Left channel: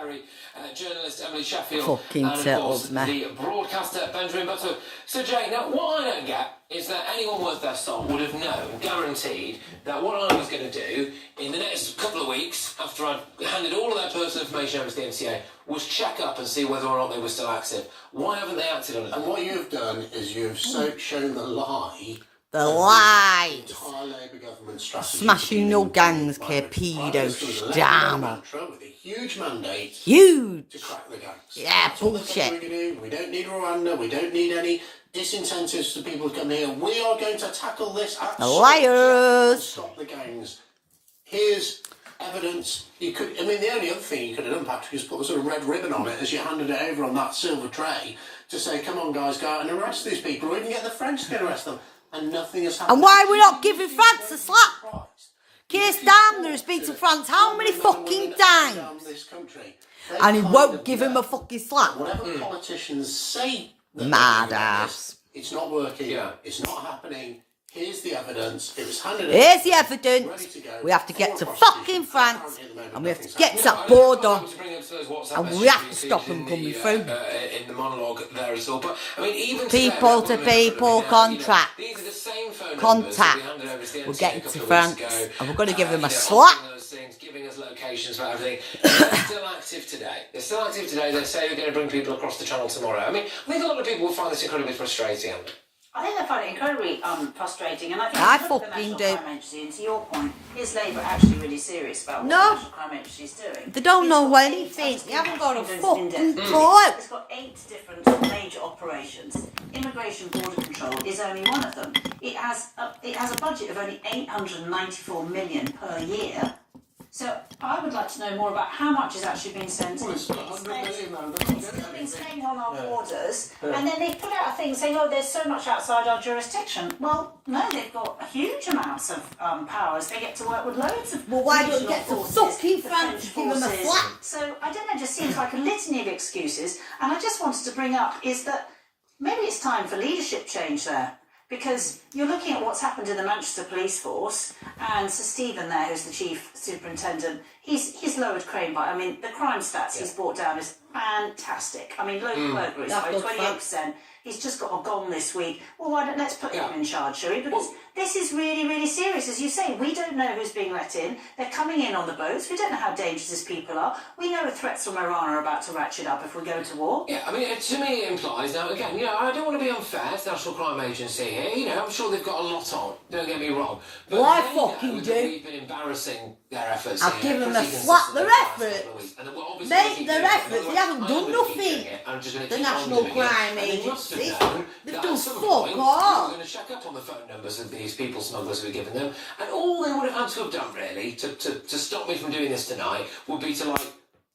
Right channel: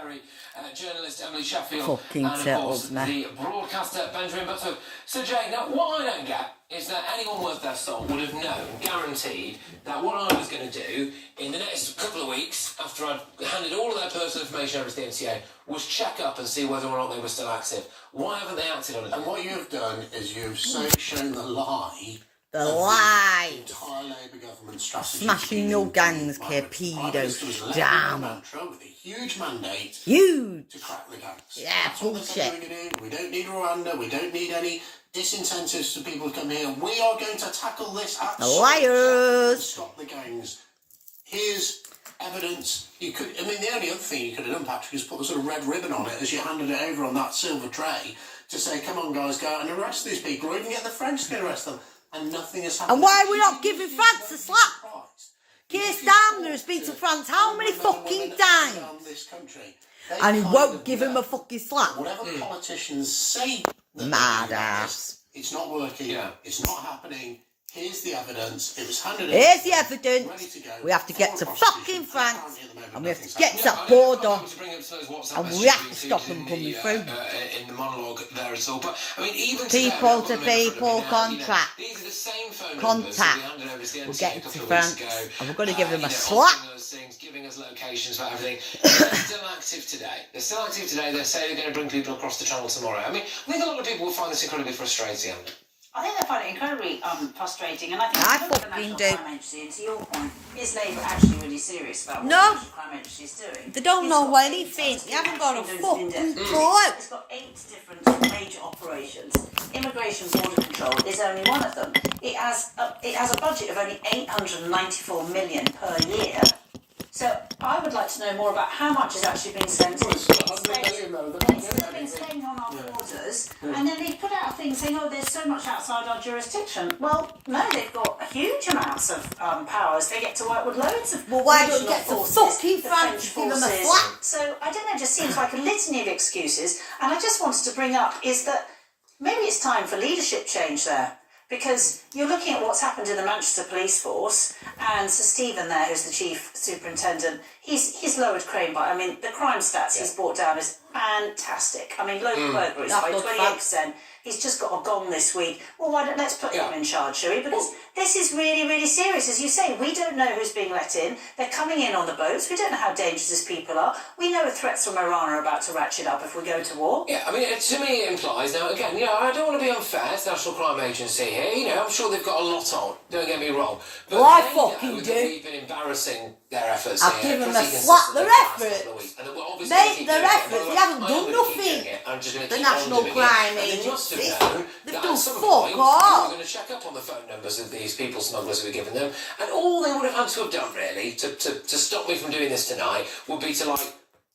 Berry, journalist Emily Sheffield, Fucking and of course me. the broadcaster Benjamin Butler. So Jay, now what I don't get is that anyone worth their salt would have known, guaranteed, that what I was going to do in the next couple of weeks, after I'd handed all of their personal information over to the MCA, was check up and see whether or not they were still active. Why haven't they acted on it? And what you've done is you've shown the lie. The lie. Entire Labour government strategy. Smashing your gangs, pedos, drama. With a huge mandate. Huge. To crack the gangs. Yeah, That's what bullshit. they're doing. We don't need Rwanda. We don't need any disincentives for people to come here. We are going to tackle this The liars. Stop the gangs. Here's evidence. You could. I mean, the only other thing you could have done, Patrick, is put a sort of red ribbon on it as you handed it over on that silver tray to say, "Come on, guys, go out and arrest these people, or even get the French to arrest them." And nothing has happened. And why are we not giving France a slap? Keir Starmer has been to France how many fucking times? And he won't give him a fucking slap. Whatever politicians say, mad ass. It's not working. Yeah. It's not happening. Here's the evidence. It was handed Here's the evidence. We have to get to fucking France. And we have to get to that border. And we have to stop them coming through. In the monologue there as well. But, I mean, even people to people contact. These are the same phone contact. We're getting to France. And we're going to give them a slap. Giving us locations for everything. They're still active today. They're still active today. They say they're going to bring people across the channel tomorrow. I mean, I think a lot of people will find this incredibly frustrating. I think they find it incredibly frustrating, and I think I if you look at the fucking National do. Crime Agency, and to your point, is Labour actually really serious about what No. the National Crime Agency is doing? They don't It's know got anything. eight They haven't got a actions fucking in-depth. clue. It's got 8 different major operations. Immigration border control is only one of them. It has a budget of only 894 million per year. So I would like to know more about how much has actually been spent in. It's been staying on our borders, and then they put out a thing saying, "Oh, there's so much outside our jurisdiction." Well, no, they've got huge amounts of powers. They get to work with loads of. Well, why don't you get regional to forces, fucking the France French give them a forces. slap? So I don't know. It just seems like a litany of excuses, and I just wanted to bring up is that maybe it's time for leadership change there. Because you're looking at what's happened in the Manchester Police Force, and Sir Stephen there, who's the Chief Superintendent, he's lowered crime by, I mean, the crime stats he's brought down is fantastic. I mean, local burglaries by 28%. He's just got a gong this week. Well, let's put him in charge, shall we? Because this is really, really serious. As you say, we don't know who's being let in. They're coming in on the boats. We don't know how dangerous these people are. We know the threats from Iran are about to ratchet up if we go to war. Yeah, I mean, to me it implies, now again, I don't want to be unfair to the National Crime Agency here, I'm sure they've got a lot on, don't get me wrong. But well, I they fucking know do. that we've been embarrassing their efforts I've here. given them a slap their effort. Mate, their efforts, they haven't done nothing. The National Crime Agency. They've done fuck all. We're going to check up on the phone numbers of these people smugglers we've given them, and all they would have had to have done, really, to stop me from doing this tonight, would be to,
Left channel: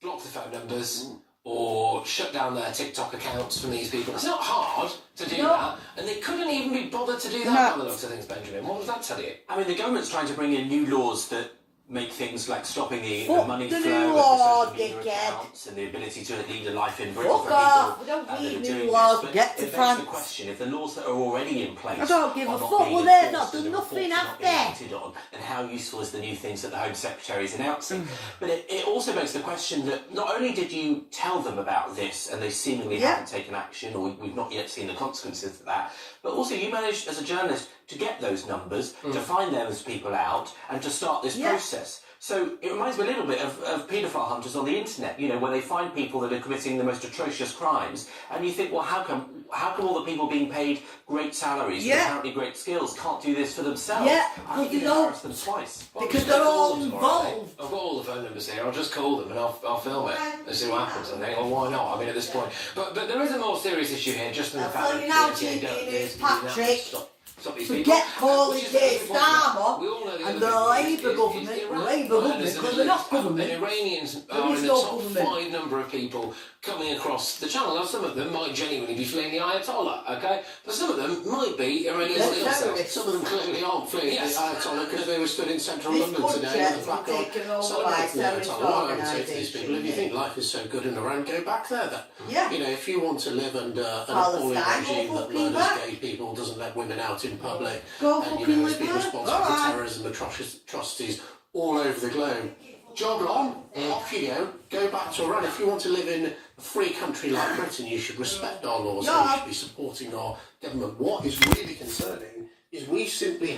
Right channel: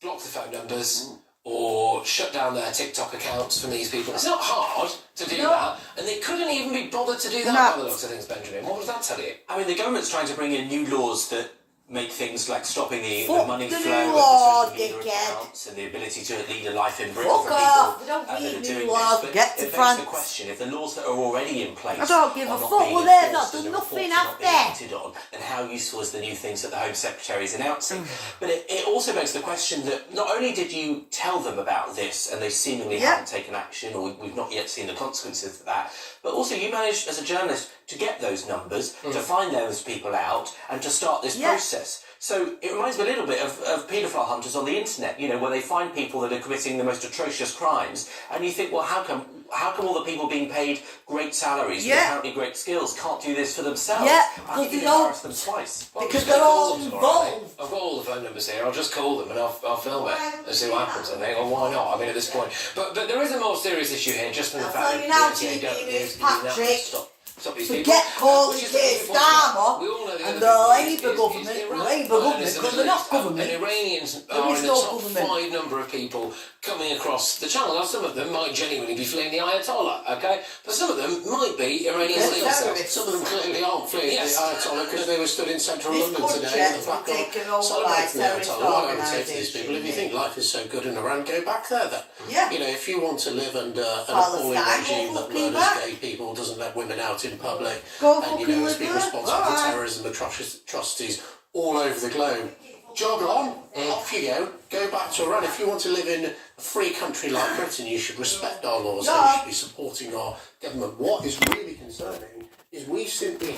block the phone numbers, or shut down their TikTok accounts from these people. It's not hard to do that, and they couldn't even be bothered to do that by the looks of things, Benjamin. What does that tell you? I mean, the government's trying to bring in new laws that make things like stopping the money the flow new of law, the social media dickhead. accounts and the ability to lead a life in Britain Fuck for off. people We don't that need are new doing laws. this. But Get to it begs France. the question, if the laws that are already in place I don't give a are not fuck. being Well, they've not enforced done and the nothing, reports are have not being they? acted on, and how useful is the new things that the Home Secretary is announcing. But it also begs the question that not only did you tell them about this and they seemingly haven't taken action, or we've not yet seen the consequences of that, but also you managed as a journalist to get those numbers, to find those people out, and to start this process. So it reminds me a little bit of paedophile hunters on the internet, where they find people that are committing the most atrocious crimes, and you think, well, how come all the people being paid great salaries with apparently great skills can't do this for themselves? How can you embarrass them twice? Because they're all involved. I've got all the phone numbers here. I'll just call them and I'll film it and see what happens. I think, or why not? I mean, at this point, but there is a more serious issue here, just in the fact that Forget calling Keir Starmer and the Labour government, because they're not government. And Iranians are in the top 5 number of people coming across the channel. Now, some of them might genuinely be fleeing the Ayatollah, okay? But some of them might be Iranian citizens. Some of them clearly aren't fleeing the Ayatollah because they were stood in central This London today in the country flag taken over celebrating by the terrorist Ayatollah. What I would say to these organisation. people, if you think life is so good in Iran, go back there then. Yeah. If you want to live under an appalling regime that murders gay people, doesn't let women out in public, and has been responsible for terrorism atrocities all over the globe, jog on, off you go back to Iran. If you want to live in a free country like Britain, you should respect our laws and you should be supporting our government. What is really concerning is we simply